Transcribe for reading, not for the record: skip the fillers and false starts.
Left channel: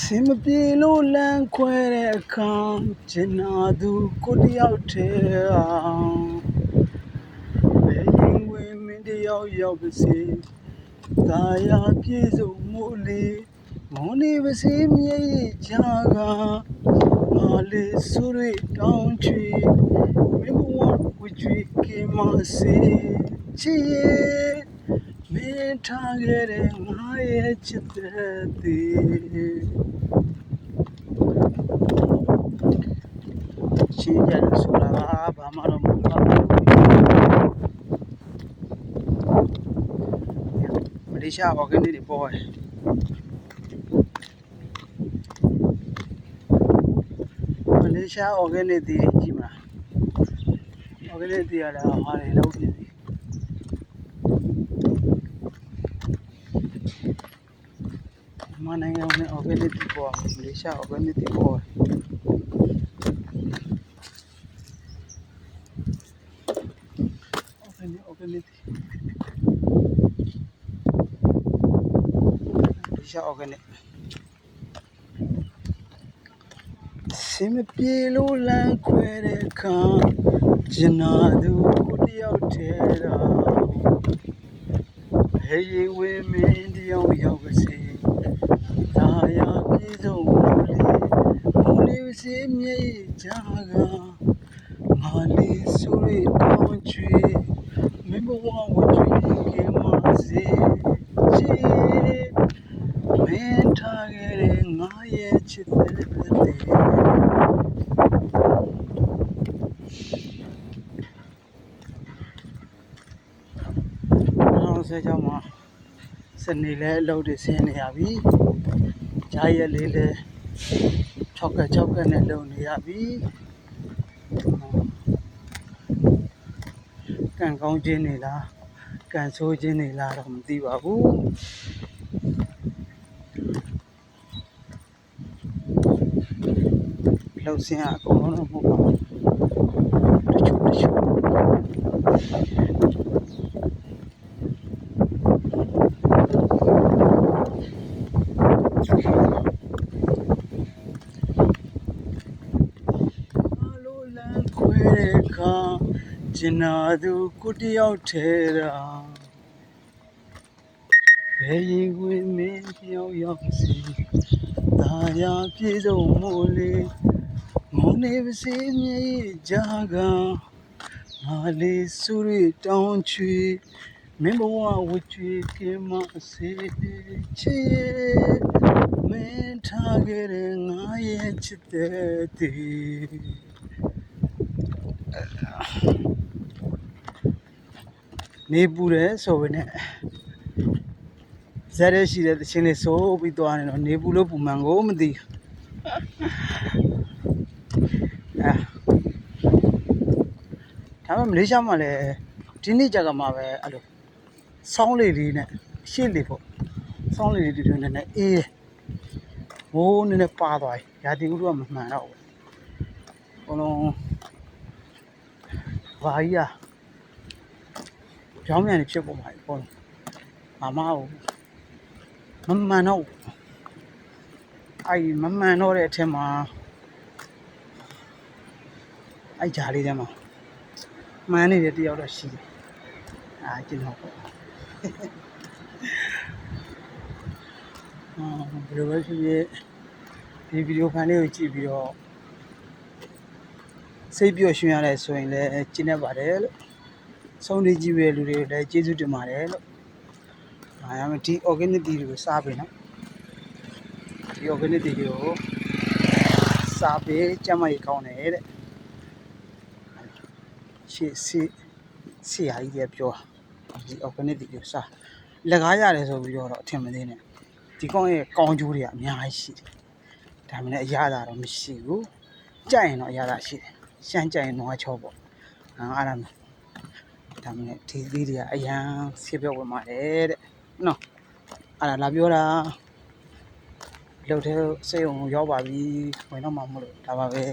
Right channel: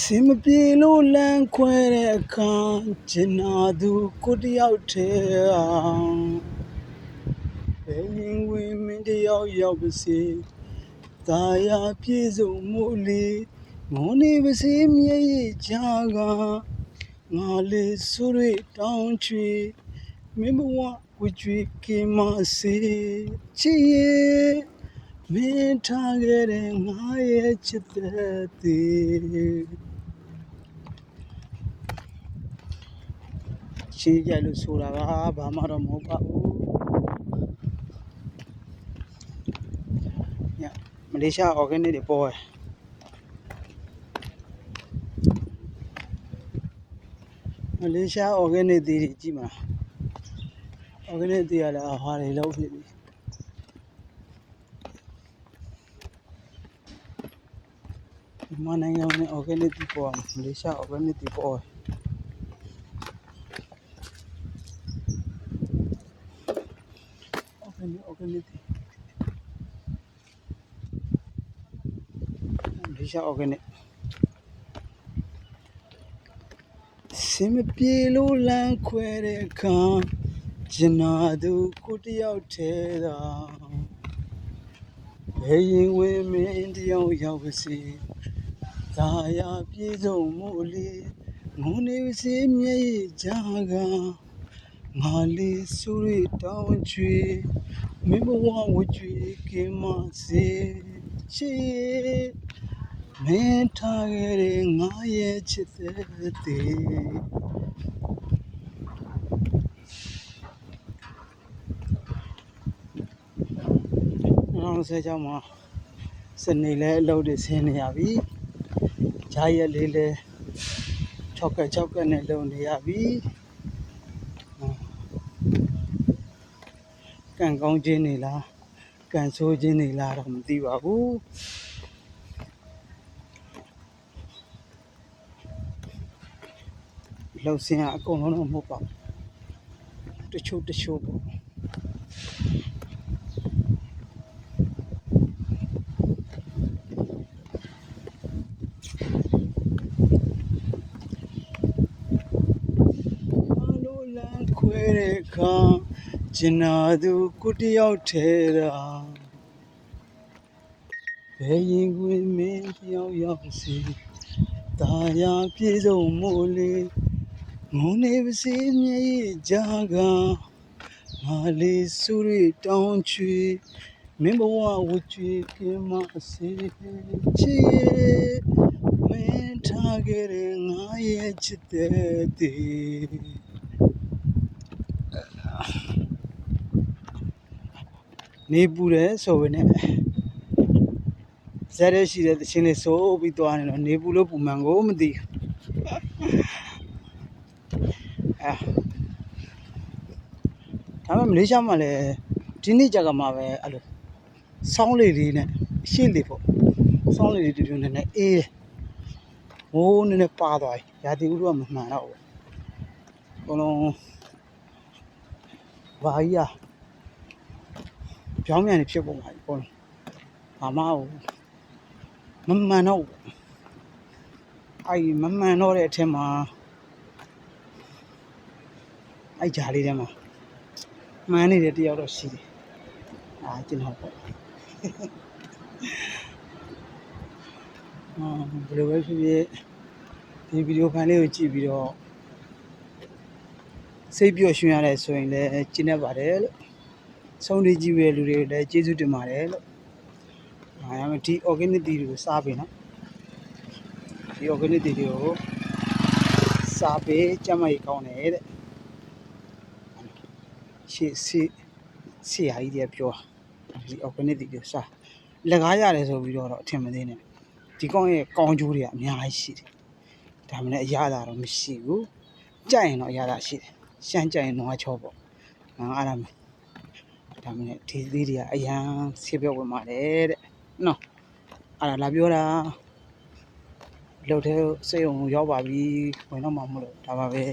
စင်မပြေလို့လမ်းခွဲတဲ့အခါကျင်နာသူကိုတယောက်တည်းအောင်ဘယ်ရင်ဝင်မင်းတယောက်ရောက်ပါစေသာယာပြေဆုံးမို့လေငုံနေပါစေမျက်ရည်ချကငါလေးဆိုရတောင်းချီမင်းဘဝဝကြွေကင်းမစေချီရဲ့မင်းထားခဲ့တဲ့ငါရဲ့ချစ်တဲ့သေးရှင်းပြလို့ဆိုတာကဘာမှတော့မဟုတ်ပါဘူးမလေးရှား organic တွေပေါ်တယ်မလေးရှား organic တွေကြည့်မလား organic တွေရလဲဟာတွေလောက်ဖြစ်ပြီမနိုင်ငံနဲ့ organic တွေပေါ်မလေးရှား organic တွေပေါ်organic ဒီရှာ organic စင်မပြေလို့လမ်းခွဲတဲ့အခါကျင်နာသူကိုတယောက်တည်းသာဘယ်ရင်ဝင်မင်းတယောက်ရောက်ပါစေသာယာပြေဆုံးမို့လေငုံနေပါစေမျက်ရည်ချကငါလေးဆိုရတောင်းချွေမင်းဘဝဝကြွေကင်းမစေချီမင်းထားခဲ့တဲ့ငါရဲ့ချစ်တဲ့သေးအောင်ဆဲကြောင့်မှာစနေလဲအလုပ်တွေဆင်းနေရပြီဂျာရက်လေးလဲ6ကက်နဲ့လုပ်နေရပြီကန်ကောင်းခြင်းနေလားကန်ဆိုးခြင်းနေလားတော့မသိပါဘူးလောက်စင်းအကုန်လုံးတော့မဟုတ်ပါဘူးတချို့ခွဲတဲ့အခါကျင်နာသူကိုတယောက်တည်းသာဘယ်ရင်ဝင်မင်းတယောက်ရောက်စီသာယာပြေဆုံးမို့လေငုံနေပါစေမျက်ရည်ချကငါလေးဆိုရတောင်းချွေမင်းဘဝဝကြွေကင်းမစေချီမင်းထားခဲ့တဲ့ငါရဲ့ချစ်တဲ့သေးနေပူတယ်ဆိုပေနဲ့ဇက်ရဲရှိတဲ့တခြင်းလေးဆိုပြီးသွားနေတော့နေပူလို့ပူမှန်ကိုမသိဒါပေမဲ့မလေးရှားမှာလည်းဒီနေ့ကြကမှာပဲအဲ့လိုဆောင်းလေးလေးနဲ့ရှေ့လေးပေါ့ဆောင်းလေးလေးတူနေအေးမိုးနည်းနည်းပါသွားပြီရာသီဥတုကမမှန်တော့ဘူးအကုန်လုံးဘာကြီးอ่ะပြောင်းပြန်နေဖြစ်ပေါ်မှာပေါ့ဘာမှမမှန်တော့အဲ့မမှန်တော့တဲ့အထက်မှာအဲ့ဂျာလေးထဲမှာမှန်နေတဲ့တယောက်တော့ရှိတယ်ကျွန်တော်ပေါ့ဘယ်လိုပဲဖြစ်ဖြစ်ဒီဗီဒီယိုဖိုင်လေးကိုကြည့်ပြီးတော့စိတ်ပျော်ရွှင်ရတယ်ဆိုရင်လည်းကျင့်တတ်ပါတယ်လို့ဆုံးလေးကြည့်ရတဲ့လူတွေကိုလည်းကျေးဇူးတင်ပါတယ်လို့ရမယ်ဒီ organic တွေကိုစားပေးနော်ဒီ organic တွေကိုစားပေးကျမကြီးကောင်းတယ်တဲ့ရှေ့ဟာကြီးတွေပြောဒီ organic တွေစားလက်ကားရတယ်ဆိုပြီးတော့အထင်မသေးနဲ့ဒီကောင်းရဲ့ကောင်းကျိုးတွေကအများကြီးရှိတယ်ဒါမှလည်းအရသာတော့မရှိဘူးကြိုက်ရင်တော့အရသာရှိတယ်ရှမ်းကြိုက်ရင်နွားချောပေါ့အဲ့ဒါမျိုးဒါမှလည်းဒီလေးတွေကအရန်ဆေးပြောဝင်ပါတယ်တဲ့နော်အဲ့ဒါလာပြောတာလှုပ်တဲ့စိတ်ုံရောက်ပါပြီဝင်တော့မှမလို့ဒါပါပဲ